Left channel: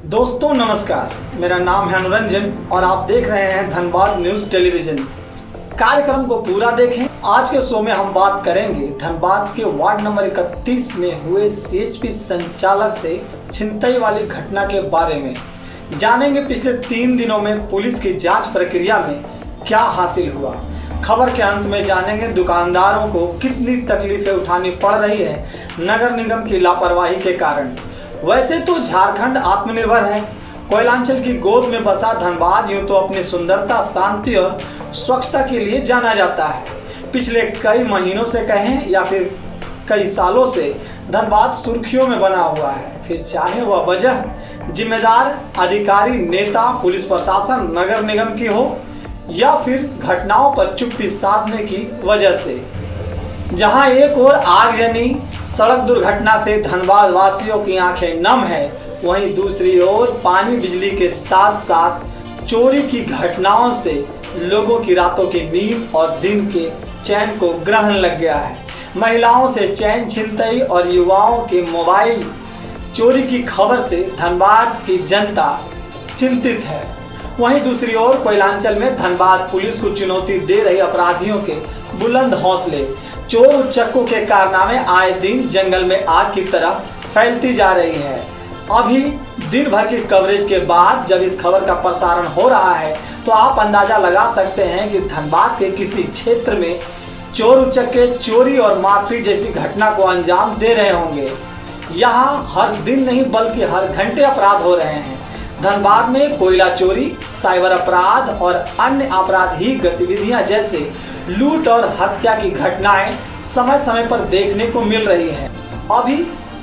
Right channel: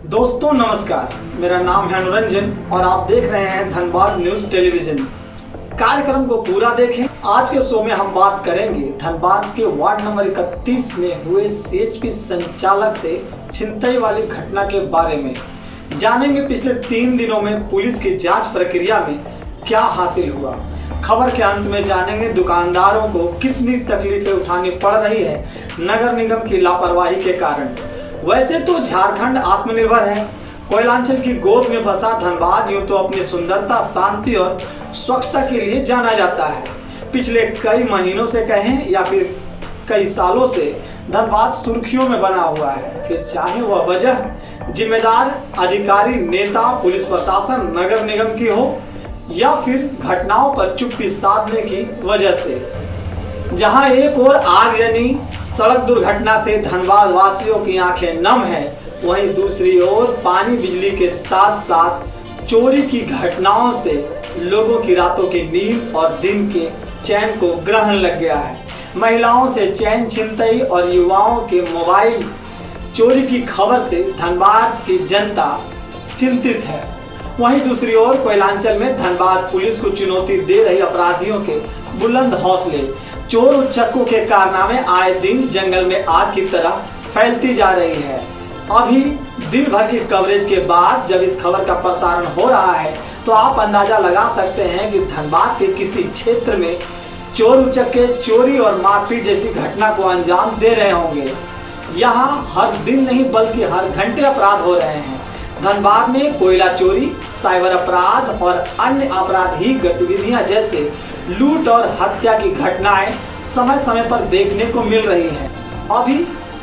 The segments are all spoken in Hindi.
दोस्तों नमस्कार, मेरा नाम है अनुरंजन और आप देख रहे हैं धनबाद न्यूज टेलीविजन। कार्यक्रम को पूरा देखें। आज के शो में हम बात करेंगे धनबाद के वार्ड नंबर 31 में हुए सीएचपी संचालक से छिनतई वाली घटना के बारे में। जानेंगे पिछले 3 दिनों में पुलिस की जांच प्रक्रिया में क्या हासिल हुआ। खबर के अंत में जानेंगे दुकानदारों को कितनी तकलीफें उठानी पड़ रही है नगर निगम की लापरवाही के कारण। वैसे तो झारखंड आत्मनिर्भर है। कोयलांचल की गोद में बसा धनबाद यूं तो अपनी सुंदरता, शांति और स्वच्छता के लिए जाना जाता है। पिछले कई महीनों से कहें या फिर कई सालों से धनबाद सुर्खियों में बना हुआ है। फिर चाहे वह वजह जिम्मेदार अधिकारी, नेता, पुलिस प्रशासन, नगर निगम की हो या फिर घटनाओं पर चुप्पी साधने की वजह से। जहां एक और आगजनी सड़क दुर्घटना से धनबाद वासियों की आंखें नम है, वहीं दूसरी ओर पानी बिजली के साथ साथ चोरी की घटनाओं से लोगों की रातों की नींद और दिन के चैन को ग्रहण लग गया है। महिलाओं से चैन छिनतई और युवाओं के मोबाइल चोरी की खबर से धनबाद की जनता चिंतित है। वहीं दूसरी ओर कोयलांचल में धनबाद पुलिस को चुनौती दे रही अपराधियों के बुलंद हौसले, चोर उच्चकों के कारनामे आए दिन जंगल में आग की तरह फैलती जा रही है। अभी दिन भर की कवरेज के बाद जब इस खबर का प्रसारण हो रहा है तो आप अंदाजा लगा सकते हैं कि धनबाद के किसी क्षेत्र में चोर उच्चके चोरी और मारपीट जैसी घटना को अंजाम दे रहे होंगे। यहाँ हर दिन नहीं बल्कि हर घंटे अपराध हो रहे हैं। धनबाद में कोयला चोरी, साइबर अपराध और अन्य आपराधिक गतिविधियां जैसे लूट और हत्या की घटनाएं समय समय पर देखने को मिल रही हैं। अभी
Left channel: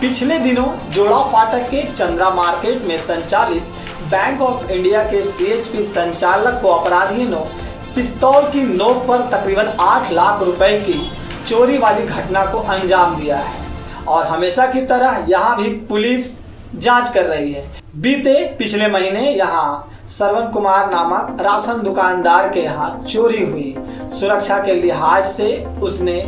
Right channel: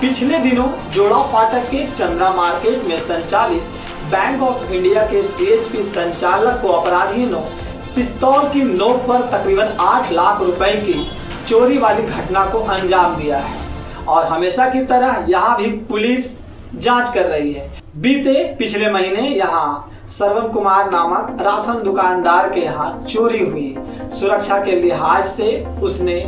पिछले दिनों जोड़ा फाटक के चंद्रा मार्केट में संचालित बैंक ऑफ इंडिया के सीएचपी संचालक को अपराधियों ने पिस्तौल की नोक पर तकरीबन 8 लाख रुपए की चोरी वाली घटना को अंजाम दिया है और हमेशा की तरह यहाँ भी पुलिस जांच कर रही है। पिछले महीने यहाँ श्रवण कुमार नामक राशन दुकानदार के यहाँ चोरी हुई। सुरक्षा के लिहाज से उसने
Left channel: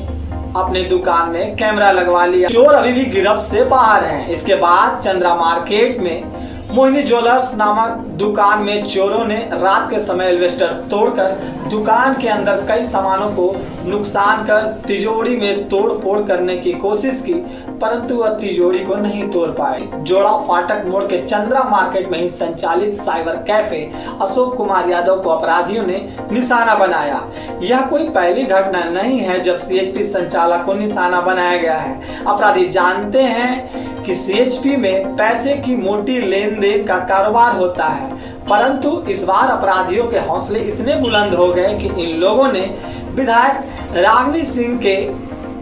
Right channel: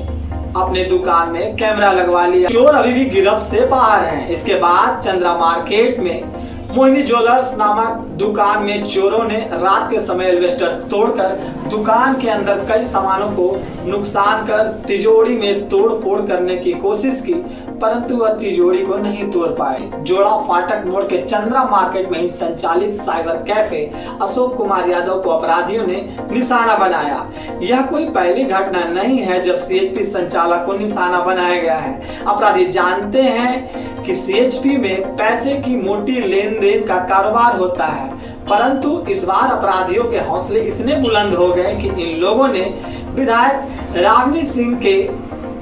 अपने दुकान में कैमरा लगवा लिया। चोर अभी भी गिरफ्त से बाहर हैं। इसके बाद चंद्रा मार्केट में मोहिनी ज्वेलर्स नामक दुकान में चोरों ने रात के समय एल्वेस्टर तोड़कर दुकान के अंदर कई सामानों को नुकसान कर तिजोरी में तोड़ फोड़ करने की कोशिश की, परंतु वह तिजोरी को नहीं तोड़ पाए। जोड़ा फाटक मोड़ के चंद्रा मार्केट में ही संचालित साइबर कैफे अशोक कुमार यादव को अपराधियों ने निशाना बनाया। यह कोई पहली घटना नहीं है जब सीएचपी संचालक को निशाना बनाया गया है। अपराधी जानते हैं कि सीएचपी में पैसे की मोटी लेन देन का कारोबार होता है, परंतु इस बार अपराधियों के हौसले इतने बुलंद हो गए कि इन लोगों ने विधायक रागिनी सिंह के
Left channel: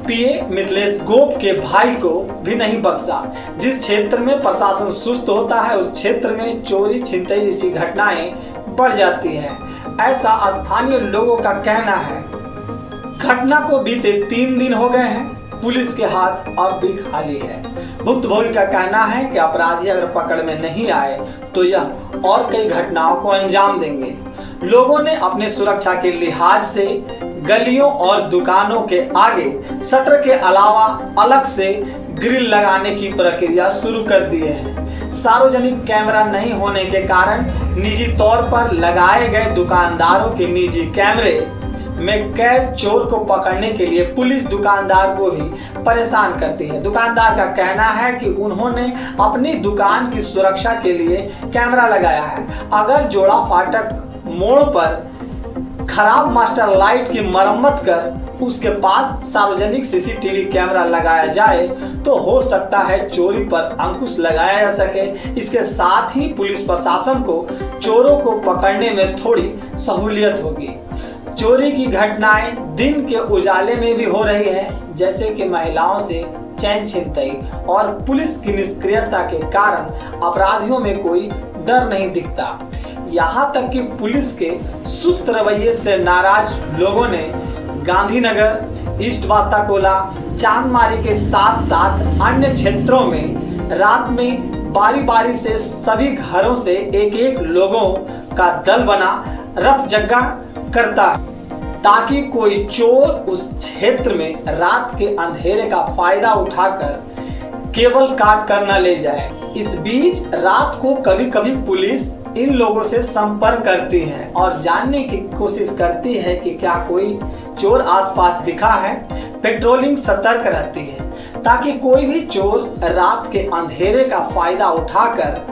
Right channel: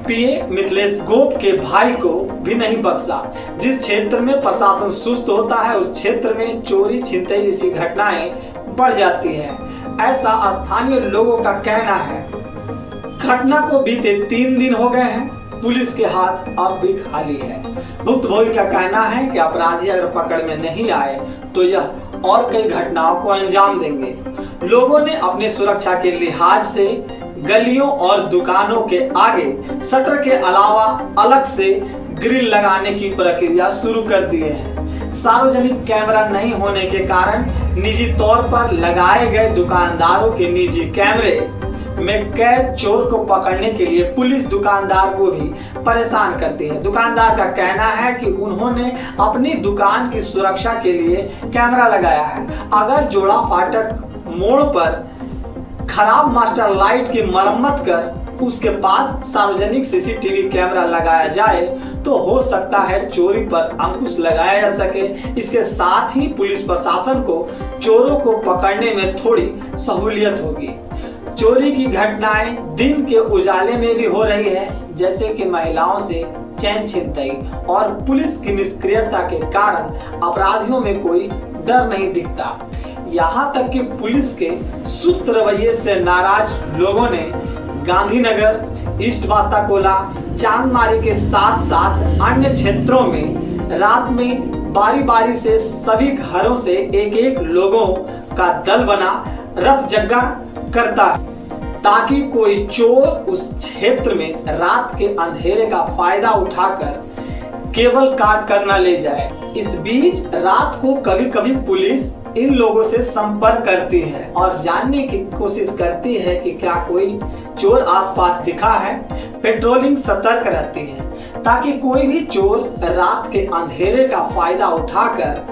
पीए मिथिलेश गोप के भाई को भी नहीं बख्शा। जिस क्षेत्र में प्रशासन सुस्त होता है उस क्षेत्र में चोरी छिनतई जैसी घटनाएं बढ़ जाती है, ऐसा स्थानीय लोगों का कहना है। घटना को बीते 3 दिन हो गए हैं, पुलिस के हाथ अब भी खाली है। भुक्तभोगी का कहना है कि अपराधी अगर पकड़ में नहीं आए तो यह और कई घटनाओं को अंजाम देंगे। लोगों ने अपने सुरक्षा के लिहाज से गलियों और दुकानों के आगे शटर के अलावा अलग से ग्रिल लगाने की प्रक्रिया शुरू कर दिए हैं। सार्वजनिक कैमरा नहीं होने के कारण निजी तौर पर लगाए गए दुकानदारों के निजी कैमरे में कैद चोर को पकड़ने के लिए पुलिस दुकानदार को भी परेशान करती है। दुकानदार का कहना है कि उन्होंने अपनी दुकान की सुरक्षा के लिए कैमरा लगाया है। अगर जोड़ा फाटक मोड़ पर खराब मास्टर लाइट की मरम्मत कर उसके पास सार्वजनिक सीसीटीवी कैमरा लगाया जाए तो हो सकता है चोरी पर अंकुश लगाया जा सके। इसके साथ ही पुलिस प्रशासन को चोरों को पकड़ने में थोड़ी सहूलियत होगी। चोरी की घटनाएं दिन के उजाले में भी हो रही है, जैसे कि महिलाओं से चैन छिनतई और पुलिस की निष्क्रियता के कारण अपराधियों में कोई डर नहीं दिखता। यहाँ तक कि पुलिस के सुस्त रवैये से नाराज लोगों ने गांधीनगर, ईस्ट बास्ताकोला, चांदमारी के साथ साथ अन्य क्षेत्रों में रात में बारी बारी से सभी घरों से एक एक लोगों का दल बना रथ जग्गा करता है ताकि कोई चोर उस क्षेत्र में रात के अंधेरे का फायदा उठाकर केबल काट कर न ले जाए। इस बीच रात को कभी कभी पुलिस इन लोगों से संपर्क करती है और जानने की कोशिश करती है कि क्या कोई चोर आसपास दिखा है। पेट्रोलिंग सतर्क रहती है ताकि कोई भी चोर रात के अंधेरे का फायदा उठाकर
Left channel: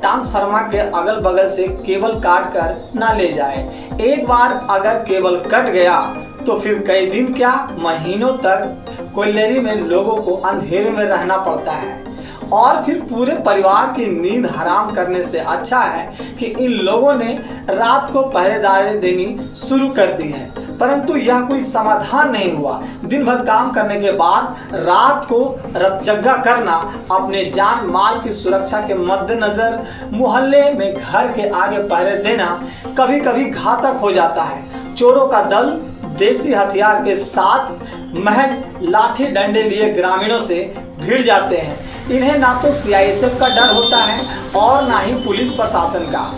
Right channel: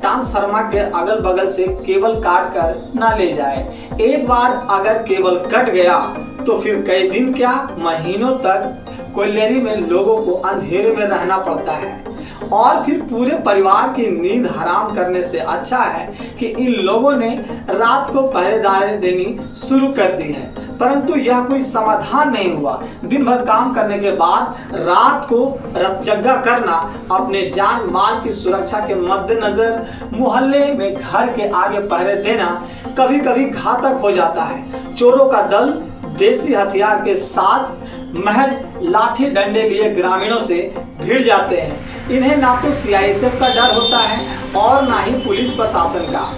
ट्रांसफार्मर के अगल बगल से केबल काट कर ना ले जाए। एक बार अगर केबल कट गया तो फिर कई दिन क्या महीनों तक कोयलेरी में लोगों को अंधेरे में रहना पड़ता है और फिर पूरे परिवार की नींद हराम करने से अच्छा है कि इन लोगों ने रात को पहरेदारी देनी शुरू कर दी है। परंतु यह कोई समाधान नहीं हुआ। दिन भर काम करने के बाद रात को रतजगा करना अपने जान माल की सुरक्षा के मद्देनजर मोहल्ले में घर के आगे पहरे देना कभी कभी घातक हो जाता है। चोरों का दल देसी हथियार के साथ महज लाठी डंडे लिए ग्रामीणों से भिड़ जाते हैं। इन्हें ना तो सीआईएसएफ का डर होता है और ना ही पुलिस प्रशासन का।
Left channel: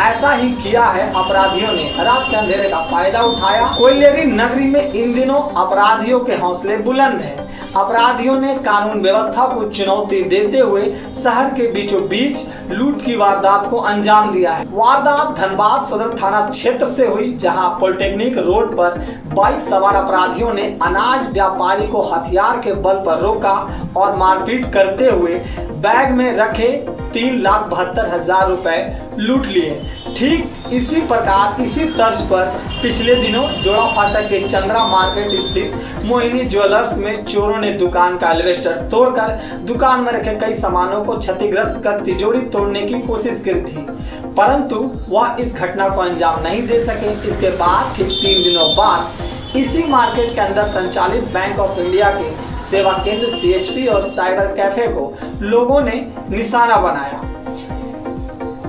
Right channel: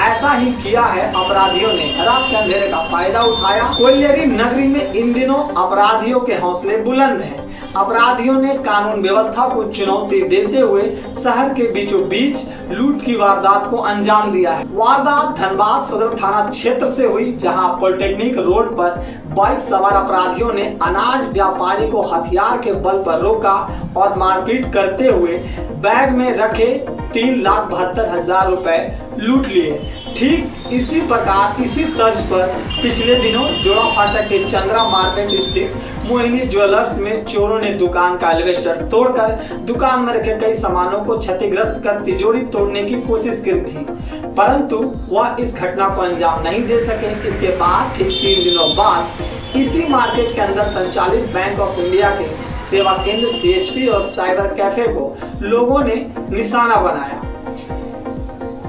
ऐसा ही किया है अपराधियों ने, रात के अंधेरे का फायदा उठाया। कोयलेरी नगरी में इन दिनों अपराधियों के हौसले बुलंद हैं। अपराधियों ने कानून व्यवस्था को चुनौती देते हुए शहर के बीचों बीच लूट की वारदात को अंजाम दिया है। वारदात धनबाद सदर थाना क्षेत्र से हुई, जहां पॉलिटेक्निक रोड पर बाइक सवार अपराधियों ने अनाज व्यापारी को हथियार के बल पर रोका और मारपीट करते हुए बैग में रखे 3,72,000 रुपए लूट लिए। ठीक इसी प्रकार इसी तर्ज पर पिछले दिनों जोड़ा फाटक के चंद्रा मार्केट स्थित मोहिनी ज्वेलर्स में चोरों ने दुकान का एलिवेटर तोड़कर दुकान में रखे कई सामानों को क्षतिग्रस्त कर तिजोरी तोड़ने की कोशिश की थी, परंतु वह इस घटना को अंजाम नहीं दे सके। इसके बाद ठीक 3 दिनों बाद इसी मार्केट के अंदर संचालित बैंक ऑफ इंडिया के सेवा केंद्र सीएचपी और साइबर कैफे को लोगों ने निशाना बनाया।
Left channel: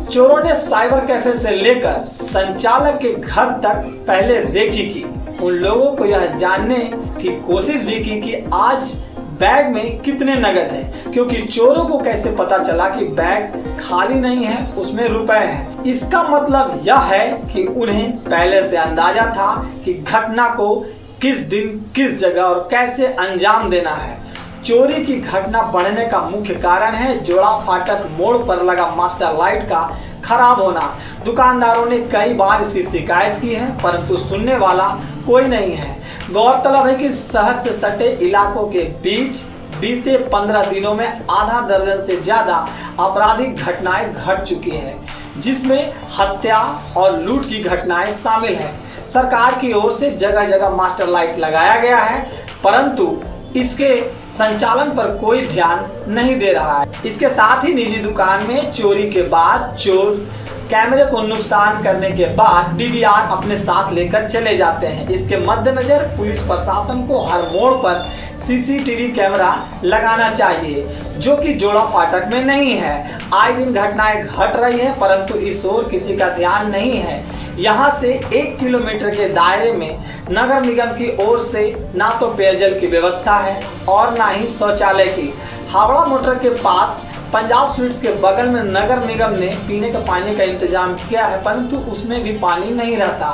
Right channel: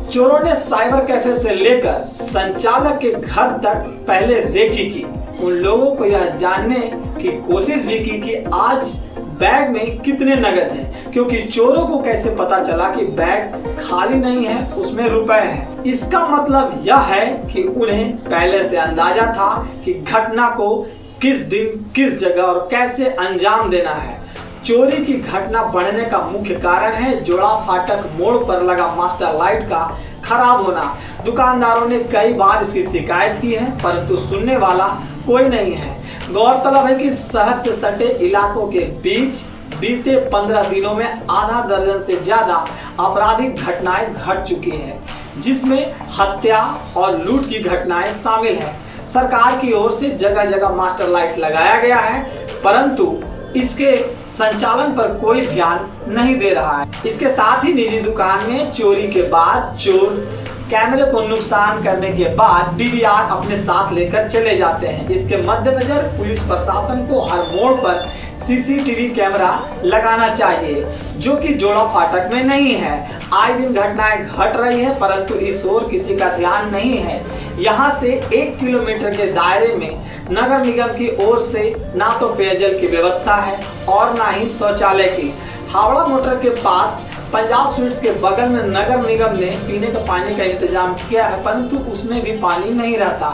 चोरों ने साइबर कैफे से लेकर संचालक के घर तक पहले रेकी की। उन लोगों को यह जानने की कोशिश भी की कि आज बैग में कितने नगद है, क्योंकि चोरों को कैसे पता चला कि बैग खाली नहीं है, उसमें रुपए हैं। इसका मतलब यह है कि उन्हें पहले से अंदाजा था कि घटना को किस दिन किस जगह और कैसे अंजाम देना है। चोरी की घटना बढ़ने का मुख्य कारण है जोड़ा फाटक मोड़ पर लगा मास्टर लाइट का खराब होना। दुकानदारों ने कई बार इसकी शिकायत की है, परंतु सुनने वाला कोई नहीं है। गौरतलब है कि शहर से सटे इलाकों के बीच बीते 15 दिनों में आधा दर्जन से ज्यादा आपराधिक घटनाएं घट चुकी हैं, जिसमें हत्या और लूट की घटनाएं शामिल हैं। सरकार की ओर से जगह जगह मास्टर लाइट लगाया गया है, परंतु इसके संचालन पर कोई ध्यान नहीं दे रहा है। इसके साथ ही निजी दुकान में चोरी के बाद चोर कैमरे को नुकसान करने के बाद डीवीआर अपने साथ लेकर चले जाते हैं। इसके मद्देनजर पुलिस प्रशासन को हर मोड़ पर सीसीटीवी कैमरा लगाना चाहिए, जो कि जोड़ा फाटक में नहीं है। आए दिन घटनाएं घट रही है, परंतु इस ओर किसी का ध्यान नहीं है। यहाँ से 1 किलोमीटर के दायरे में नगर निगम की ओर से ना तो पेयजल की व्यवस्था है और ना ही शौचालय की। हावड़ा मोटर के पास पंजाब स्वीट्स के बगल में नगर निगम ने पीने का पानी का इंतजाम किया है, परंतु उसमें भी पानी नहीं रहता।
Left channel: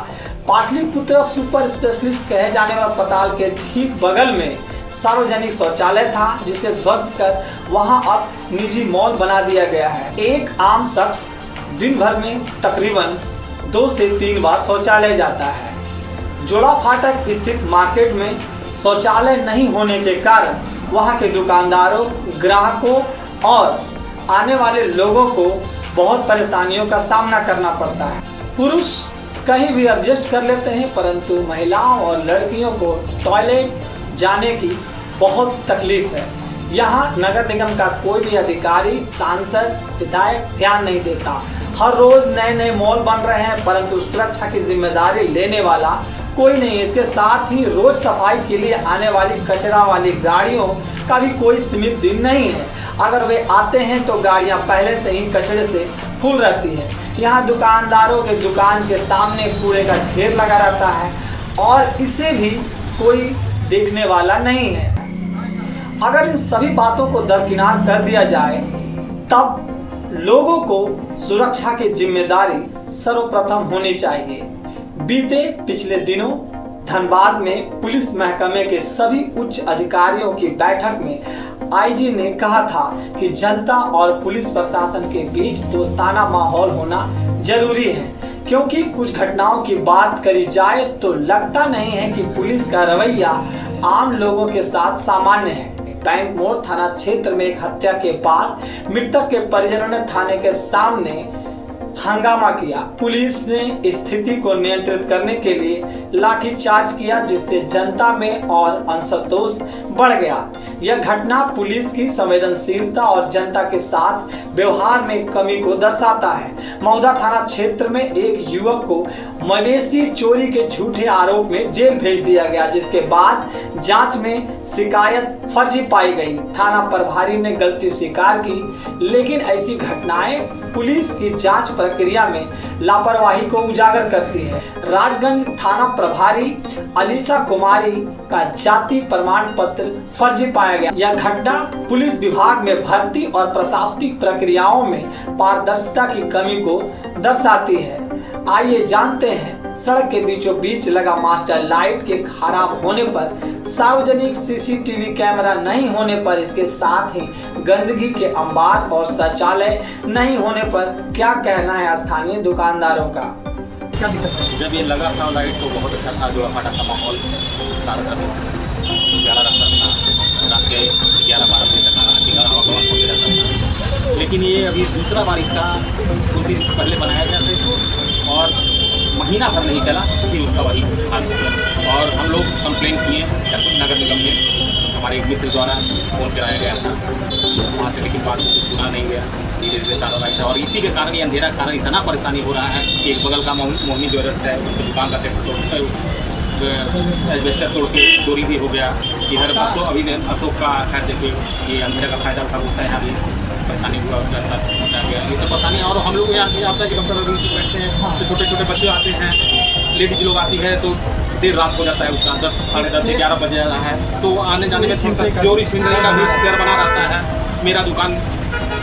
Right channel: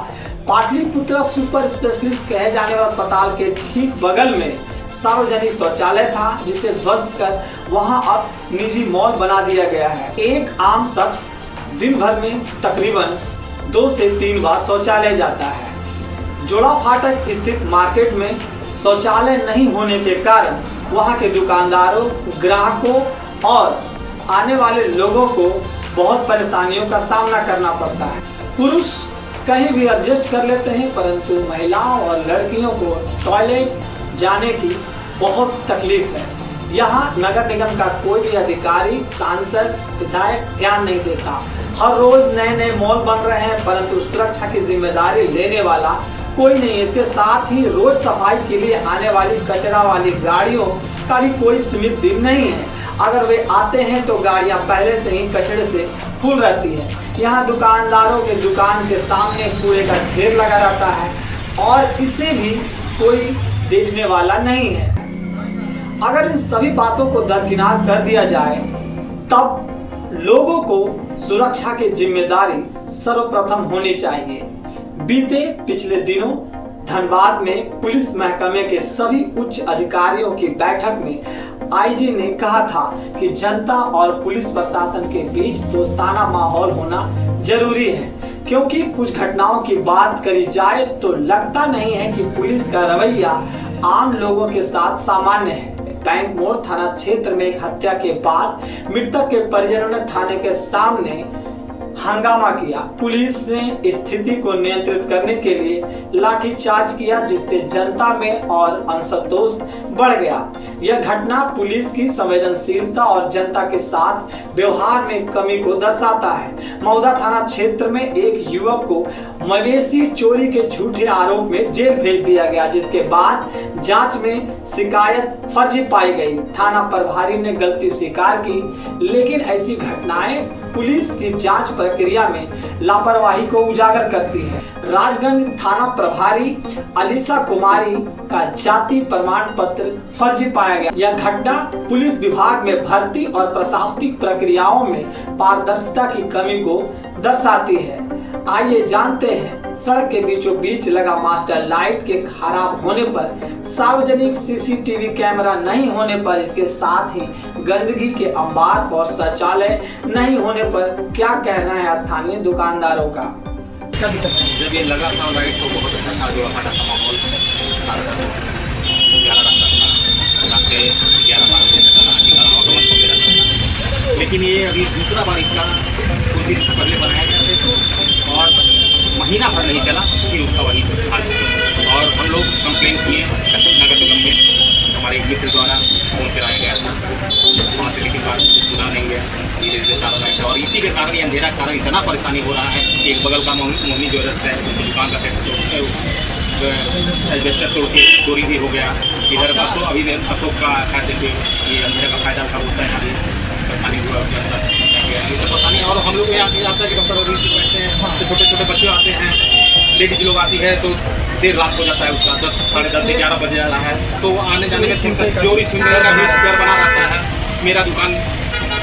पाटलिपुत्र सुपर स्पेशलिस्ट कहे जाने वाले अस्पताल के ठीक बगल में सार्वजनिक शौचालय था, जिसे ध्वस्त कर वहां अब निजी मॉल बना दिया गया है। एक आम शख्स दिन भर में तकरीबन 2 से 3 बार शौचालय जाता है। जोड़ा फाटक स्थित मार्केट में शौचालय नहीं होने के कारण वहां के दुकानदारों, ग्राहकों और आने वाले लोगों को बहुत परेशानियों का सामना करना पड़ता है। पुरुष कहीं भी एडजस्ट कर लेते हैं, परंतु महिलाओं और लड़कियों को टॉयलेट जाने की बहुत तकलीफ है। यहाँ नगर निगम का कोई भी अधिकारी, सांसद, विधायक ध्यान नहीं देता। हर रोज नए नए मॉल बन रहे हैं, परंतु सुरक्षा की जिम्मेदारी लेने वाला कोई नहीं। इसके साथ ही रोज सफाई के लिए आने वाली कचरा वाली गाड़ियों का भी कोई सीमित दिन नहीं है। अगर वे आते हैं तो गाड़ियां पहले से ही कचरे से फुल रहती है। यहाँ दुकानदारों के दुकान के सामने कूड़े का ढेर लगा रहता है और इसे भी कोई देखने वाला नहीं है। अगर इन सभी बातों को दरकिनार कर दिया जाए, तब लोगों को सुरक्षा की जिम्मेदारी सर्वप्रथम होनी चाहिए। बीते पिछले दिनों धनबाद में पुलिस महकमे के सभी उच्च अधिकारियों की बैठक में आईजी ने कहा था कि जनता और पुलिस प्रशासन के बीच दोस्ताना माहौल होना जरूरी है, क्योंकि कुछ घटनाओं की बात करी जाए तो लगता नहीं है कि पुलिस का रवैया आम लोगों के साथ सामान्य है। बैंक मोड़ थाना क्षेत्र में एक हत्या के बाद मृतक के परिजनों ने थाने के सामने हंगामा किया। पुलिस ने स्थिति को नियंत्रित करने के लिए लाठीचार्ज किया, जिससे जनता में और असंतोष बढ़ गया। यह घटना पुलिस की संवेदनशीलता और जनता के साथ व्यवहार में कमी को दर्शाता है। मौदा थाना क्षेत्र में एक युवक को मवेशी चोरी के झूठे आरोप में जेल भेज दिया गया, जिसके बाद जांच में शिकायत फर्जी पाई गई। थाना प्रभारी ने गलती स्वीकार की, लेकिन ऐसी घटनाएं पुलिस की जांच प्रक्रिया में लापरवाही को उजागर करती है। राजगंज थाना प्रभारी अलीसा कुमारी का जाति प्रमाण पत्र फर्जी पाया गया। यह घटना पुलिस विभाग में भर्ती और प्रशासनिक प्रक्रियाओं में पारदर्शिता की कमी को दर्शाती है। आइए जानते हैं, सड़क के बीचों बीच लगा मास्टर लाइट के खराब होने पर, सार्वजनिक सीसीटीवी कैमरा नहीं होने पर, इसके साथ ही गंदगी के अंबार और शौचालय नहीं होने पर क्या कहना है स्थानीय दुकानदारों का। जब ये लगा था लाइट तो बहुत अच्छा था, जो हटा था माहौल सारा उजाला रहता था। रात के 11-12 बजे तक आवागमन होते रहता था। लेकिन ये अभी दूसरा बार इसका कुछ दिन पहले बनाया गया था इसको, और महीना भर नहीं चला कि उसका वही हाल हो गया। और हम लोग कंप्लेंट किए नगर निगम में, हमारे एक मित्र द्वारा फ़ोन कराया गया था वहाँ से, लेकिन बात सुना नहीं गया। धीरे धीरे सारा लाइट है, और इसी के कारण ये अंधेरा कारण इतना परेशानी हो रहा है कि एक बगल का मोहनी ज्वेलर्स है, उसकी दुकान का सेट एल्वेस्टर तोड़ के चोरी भी हो गया। इधर का तो अभी अशोक का खैर देखिए, ये अंधेरा का फायदा था, उससे अभी परेशानी हुआ, उसके अंदर पहुँचा गया, ये सब पता नहीं। और हम लोग यहाँ आता है कि डॉक्टर रूम से बैठते हैं तो छोटे छोटे बच्चे आते हैं, लेडीज लोग आती है तो देर रात हो जाता है उसका, 10, साढ़े 10 से 11 बजे जाना है, तो आने जाने में चोरी छिनने का भी डर बना रहता है। मेरा दुकान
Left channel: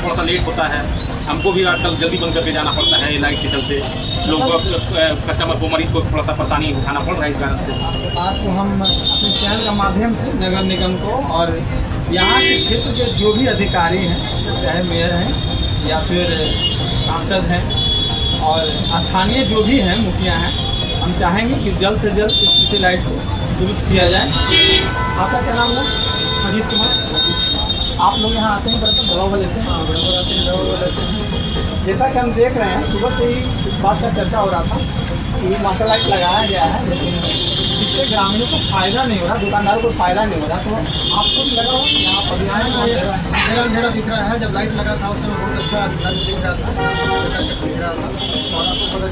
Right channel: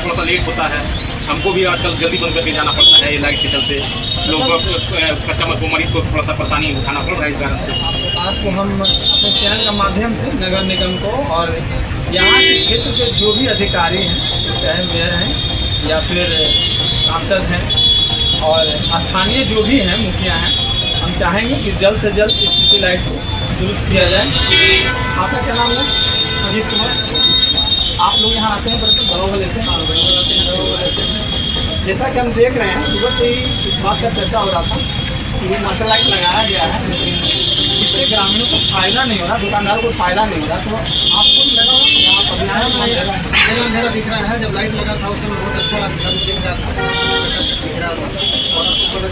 थोड़ा सा लेट होता है, हमको भी आजकल जल्दी बंद करके जाना पड़ता है, ये लाइट के चलते लोग कस्टमर को, मरीज को थोड़ा सा परेशानी उठाना पड़ रहा है इस कारण से। आपको हम अपने चैनल के माध्यम से नगर निगम को और यहाँ के क्षेत्र के जो भी अधिकारी हैं, चाहे मेयर हैं या फिर सांसद हैं और स्थानीय जो भी हैं, मुखिया हैं, हम चाहेंगे कि जल्द से जल्द इस सिटी लाइट को दुरुस्त किया जाए। आपका क्या नाम है? अजीत कुमार। आप लोग यहाँ आते हैं, बर्तन दवा लेते हैं? जैसा कि हम देख रहे हैं, सुबह से ही इस बात का चर्चा हो रहा था कि मास्टर लाइट लगाया गया है, लेकिन इससे ग्रामीणों को फायदा नहीं हो रहा, दुकानदारों को फायदा नहीं हो रहा। तो आपको भी लगा होगा यहाँ पर अंधेरा दिख रहा है। जब लाइट लगा था उसमें बहुत अच्छा दिख रहा था, और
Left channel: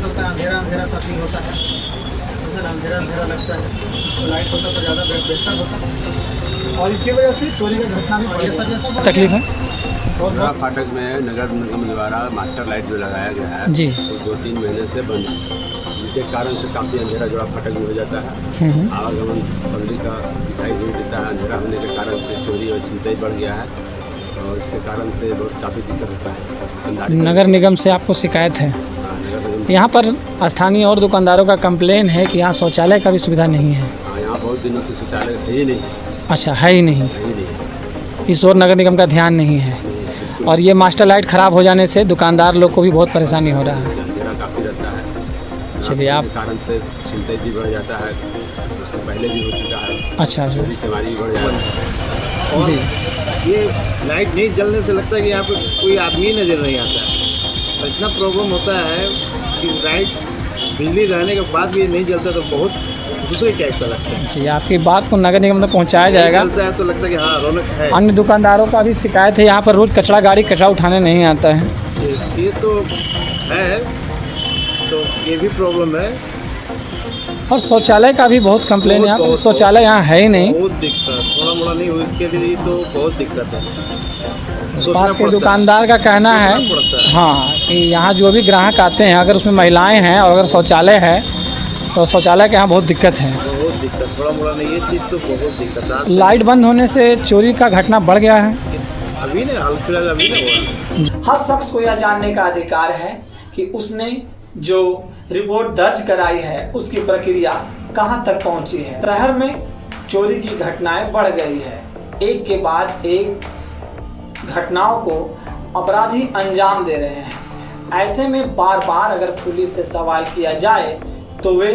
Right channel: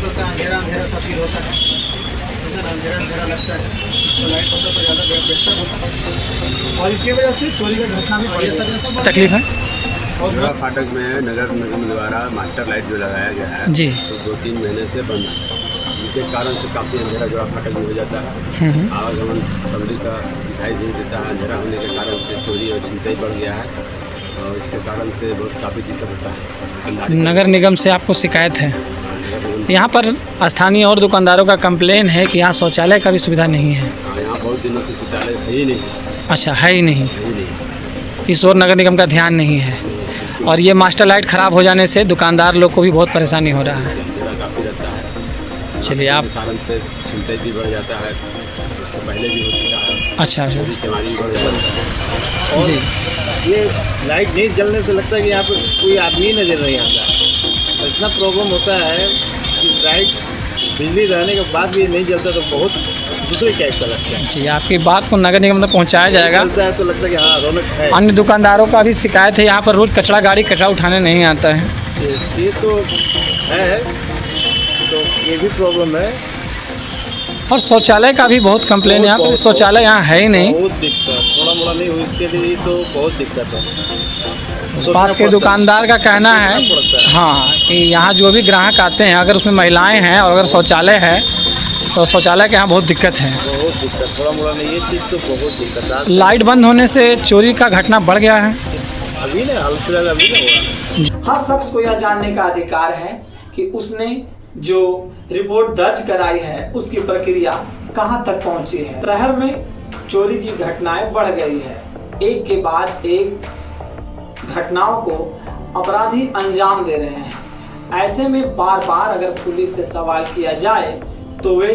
पता अंधेरा सा फील होता है, अंधेरा लगता है। तो लाइट होता तो ज़्यादा बेहतर होता, और इसकी वजह से चोरी का घटना में तकलीफ है। जोड़ा फाटक में नगर निगम द्वारा मास्टर लाइट जो लगाया गया है जी, तो 2-3 महीने से बंद है, जिसके कारण से काफ़ी अंधेरा जोड़ा फाटक में हो जाता है। आवागमन पब्लिक का दिखाई नहीं देता है। अंधेरा होने के कारण से चोरी और छिनतई बढ़ गया है, और इसके कारण से बहुत काफ़ी दिक्कत होता है। नगर निगम से आपको शिकायत है? यहाँ पर स्थानीय और दुकानदारों का कंप्लेन है कि यहाँ शौचालय का भी सुविधा नहीं है। यहाँ बहुत दिनों से शौचालय है ही नहीं। अच्छा, है ही नहीं। इस ओर नगर निगम का ध्यान नहीं है, और ये मास्टर लाइट ख़राब हो जाने से दुकानदार लोग को भी बहुत परेशानी हो रहा है। अंधेरा काफ़ी रहता है। चलिए, आप कारण से छिनतई भी बढ़ जाता है, उससे पहले भी हो चुका है। अच्छा, बीमारी भी बढ़ जाती है जी। ये लाइट नहीं जलने से लगता है कि यहाँ पे कोई आदमी नजर नहीं आता है, और इतना प्रॉब्लम होता है कि लाइट बिजली रहने के बाद भी नहीं जलता तो बहुत दूसरे टाइप का लगता है। जी, आपकी बात को नगर निगम तक पहुँचाया जाएगा। जलता है तो लगता है कि हाँ रौनक है। अन्य दुकानदारों का भी शिकायत है, यहाँ पर रोज कचरा गाड़ी कचरा उठाने नहीं आता है। ये तो है, तो ये भी प्रॉब्लम है। और शौचालय का भी बहुत कंप्लेन है, यहाँ पर शौचालय यहाँ है ही नहीं। बहुत दिक्कत, थोड़ा मोड़ा नहीं हुई इसके लिए तो बहुत दिक्कत है। पास के दुकानदार का कहना है हाँ कि यहाँ जो भी ग्राहक आते हैं, अगर उसमें महिलाएं हैं और अगर शौचालय है तो शौचालय के यहाँ बहुत दिक्कत है। बहुत दिक्कत, थोड़ा मोड़ा नहीं, ये चीज़ तो बहुत दिक्कत। लाइट बंद होने से चोरी का घटना बढ़ गया है। अभी ना हाल फिलहाल अभी ना हुआ। हर शख्स को यह जानने का अधिकार है कि उसने जो रिपोर्ट दर्ज कराई है उसकी प्रक्रिया कहां तक पहुंची है। शहर में चोरी की घटनाएं बढ़ गई है, एक के बाद एक घटनाओं को अपराधी अंजाम दे रहे हैं। ऐसे में बार बार अगर पुलिस से सवाल किया जाए तो वे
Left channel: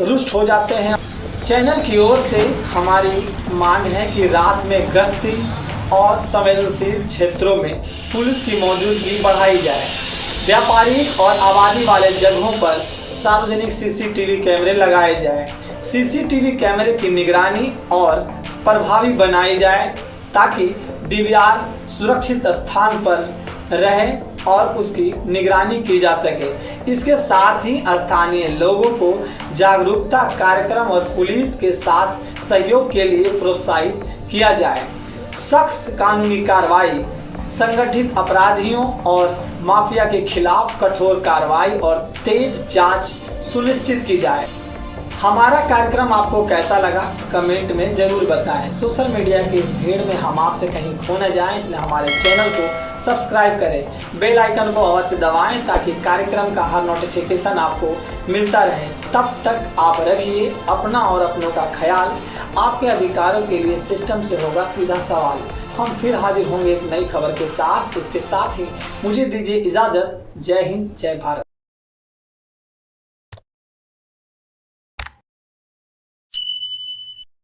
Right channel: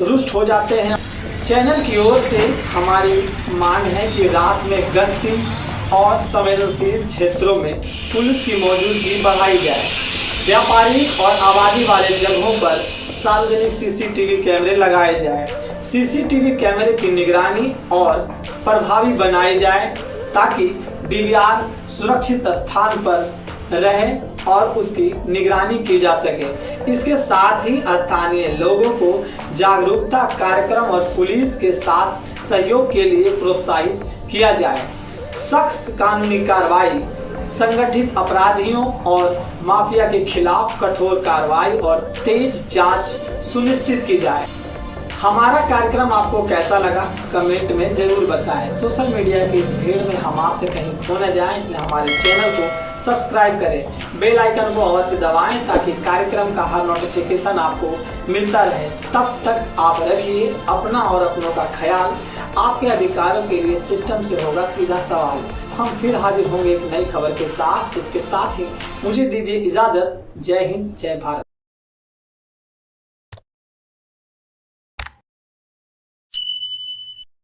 रुष्ट हो जाते हैं। चैनल की ओर से हमारी मांग है कि रात में गश्ती और संवेदनशील क्षेत्रों में पुलिस की मौजूदगी बढ़ाई जाए। व्यापारिक और आबादी वाले जगहों पर सार्वजनिक सीसीटीवी कैमरे लगाए जाए। सीसीटीवी कैमरे की निगरानी और प्रभावी बनाई जाए ताकि डीवीआर सुरक्षित स्थान पर रहे और उसकी निगरानी की जा सके। इसके साथ ही स्थानीय लोगों को जागरूकता कार्यक्रम और पुलिस के साथ सहयोग के लिए प्रोत्साहित किया जाए। सख्त कानूनी कार्रवाई, संगठित अपराधियों और माफिया के खिलाफ कठोर कार्रवाई और तेज जांच सुनिश्चित की जाए। हमारा कार्यक्रम आपको कैसा लगा कमेंट में जरूर बताएं। सोशल मीडिया की इस भीड़ में हम आपसे कहीं खो न जाएं, इसलिए हमारे चैनल को सब्सक्राइब करें, बेल आइकन को अवश्य दबाएं ताकि कार्यक्रम का हर नोटिफिकेशन आपको मिलता रहे। तब तक आप रखिए अपना और अपनों का ख्याल। आपके अधिकारों के लिए सिस्टम से होगा सीधा सवाल। हम फिर हाजिर होंगे एक नई खबर के साथ। इसके साथ ही मुझे दीजिए इजाज़त। जय हिंद, जय भारत।